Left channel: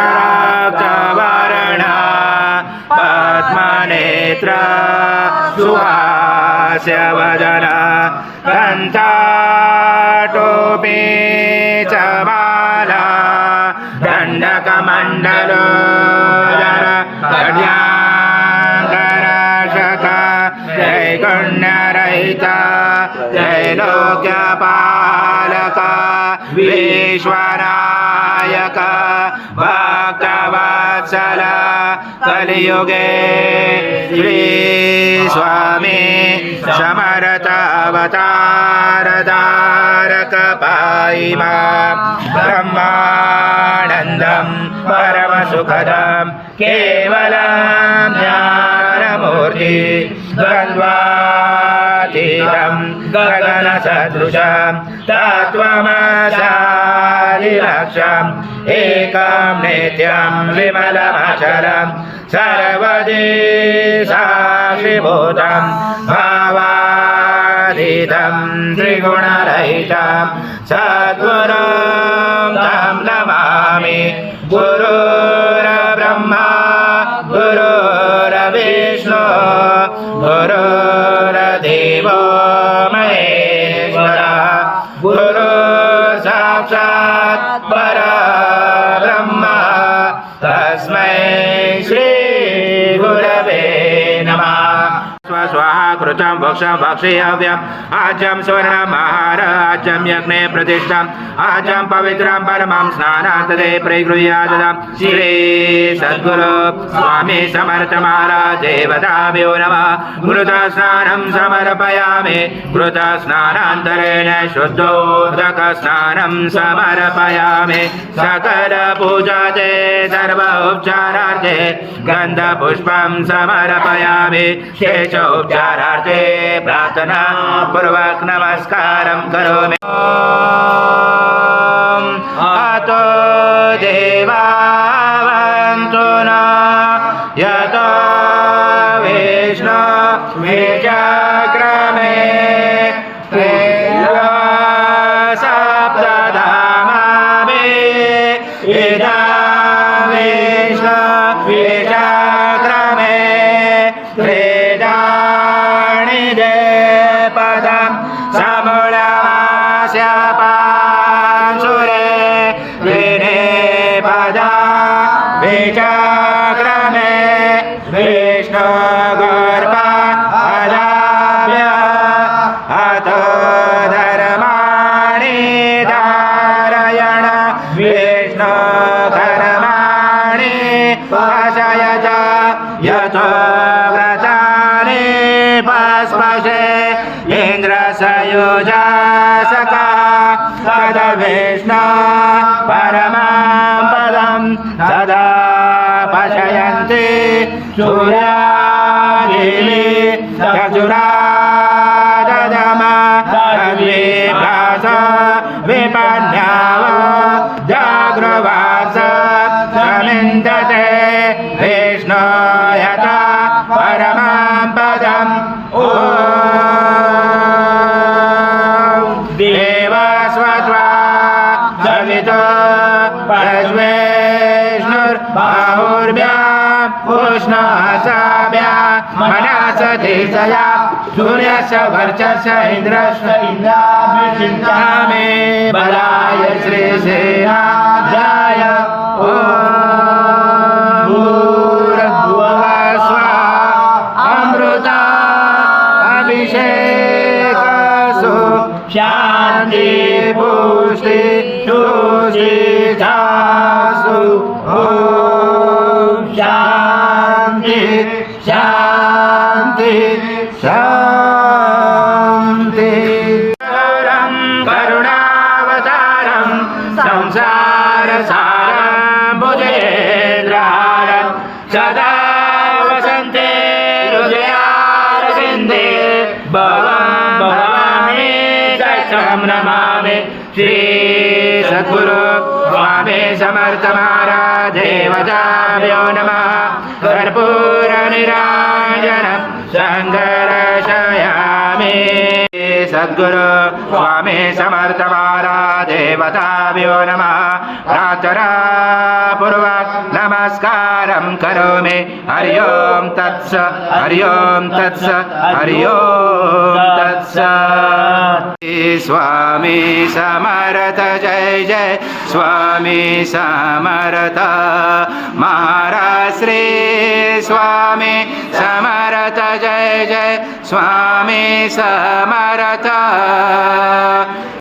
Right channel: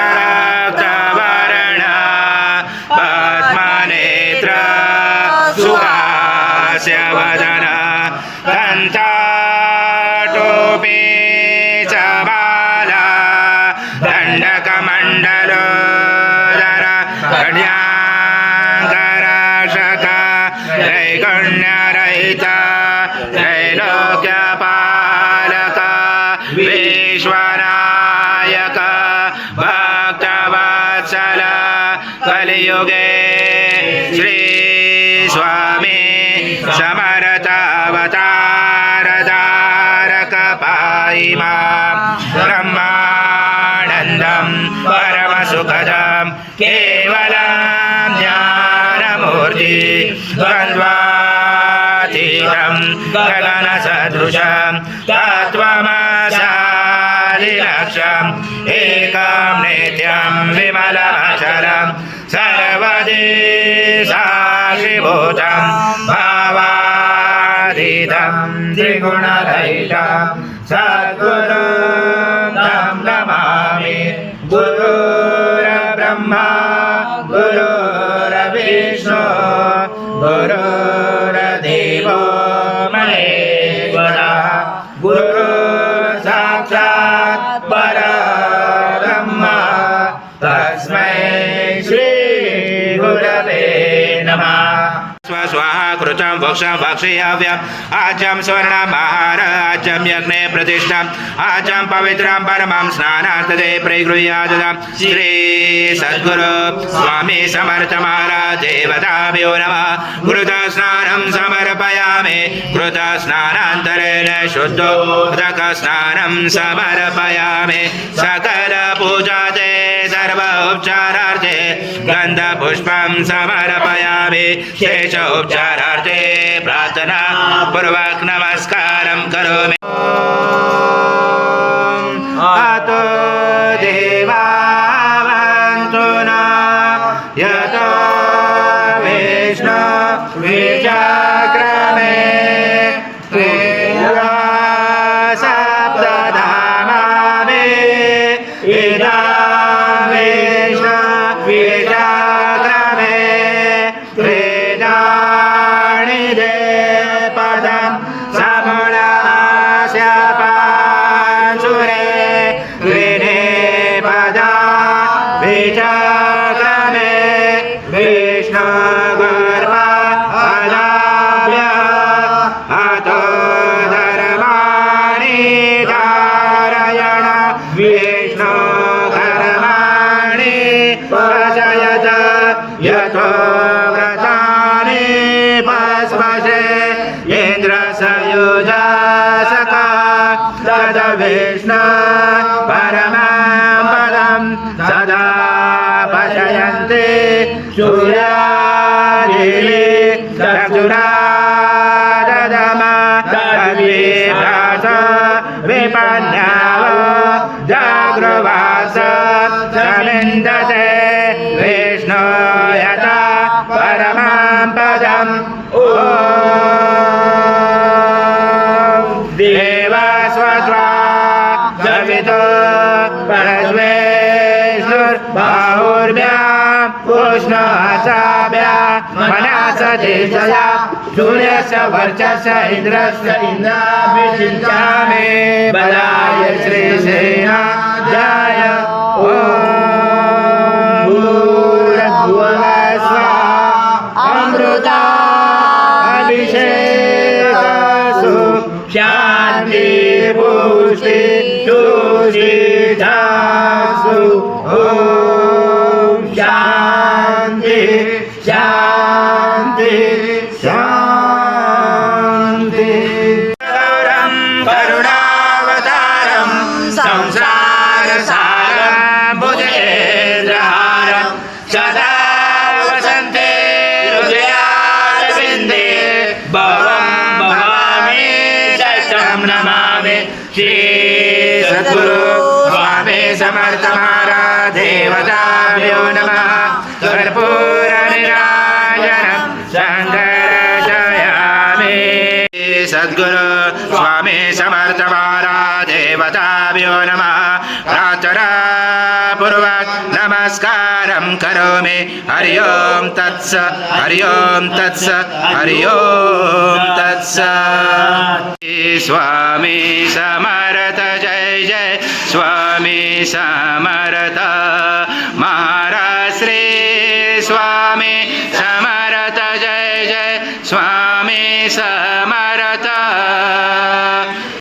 कराक्तवर्ण पद्मनेत्र सुहास्यवदन कण्ठाटोपी च माला दण्डकमण्डलोदर कड्याङ्करशक त्रैगुण्यरहित त्रैलोक्यपालक विश्वनायक भक्तवत्सल कलियुगे श्री स्वामी समर्थावतारधारक पाहि मां ब्रह्मानन्दं परमसुखदं केवलं ज्ञानमूर्ति द्वन्द्वातीतं गगनसदृशं तत्त्वमसादिलक्ष्यम् एकं नित्यं विमलमचलं सर्वदि साक्षिभूतं भावातीतं त्रिगुणरहितं सद्गुरुं तं नमामि। गुरुर्ब्रह्मा गुरुर्विष्णु गुरुर्देवो महेश्वरः गुरुर्साक्षात् परब्रह्म तस्मै श्री गुरवे नमः। स्वाहा कृतं वक्षं वक्षेयव्यम् आज्यं स्वर्णमहार आज्यं यज्ञे प्रतिष्ठम् आज्यं पवित्रं परमं स्नानार्थदे परिगृह्याददां श्री सद्गुरु स्वामी समर्थ महाराज देवताभ्यो नमः। कृतः स्नानं समर्पयामि कृतः स्नानान्तरेण शुद्धोदक स्नानं समर्पयामि सकल पूजाते सर्व उपचारार्थे गन्धपुष्पं समर्पयामि शेष उपचारार्थे प्रार्थना पूर्वक नमस्कारं करोमि। अतो देवावन्तु न यतो विष्णु विचक्रमे सप्तधामावे इदं विष्णु विचक्रमे पदं समूलस्य पांसुरे विने पदा विचक्रमे विष्णु गर्भा अदाभ्य अतो धर्माणि धारयण विष्णु धर्माणि पशयत यतो पस्पशे इन्द्रसयुजासका तद विष्णु परमं पदं सदा पशयन्ति सूर्यादिः दक्षुणा ददम तद्विभास विपन्याव जागृवास समिन्दते विष्णु यथा परमं पदम् ॐ देवस्वत्वा जवितो परमेश्वरबाहुर्भ्यां पुष्णसाभ्या मनसधीशया सूर्यस्य वर्चस्य इन्द्रस्य इन्द्राभिषिञ्चामि बलाय श्रीसेनाध्याय ॐ शांति पुष्टि सुसिद्धासु ओम शांति शांति शांति। करुणावतारं संसारसारं भुजगेन्द्रहारं सदा वसन्ते हृदयारविन्दे भवामि शरणं नमामि। श्री सद्गुरु स्वामी समर्थ महाराज देवताभ्यो नमः। कर्पूरनीराजनं शङ्करशयामि। सद्गुरु स्वामी समर्थ महाराज देवताभ्यो नमः प्रार्थना पूर्वक नमस्कारं करोमि हरि ओम तत्स हरि ओम तत्स हरि ओम तत्स स्वामी समर्थ जय जय स्वामी समर्थ महाराज श्री स्वामी समर्थ जय जय स्वामी समर्थ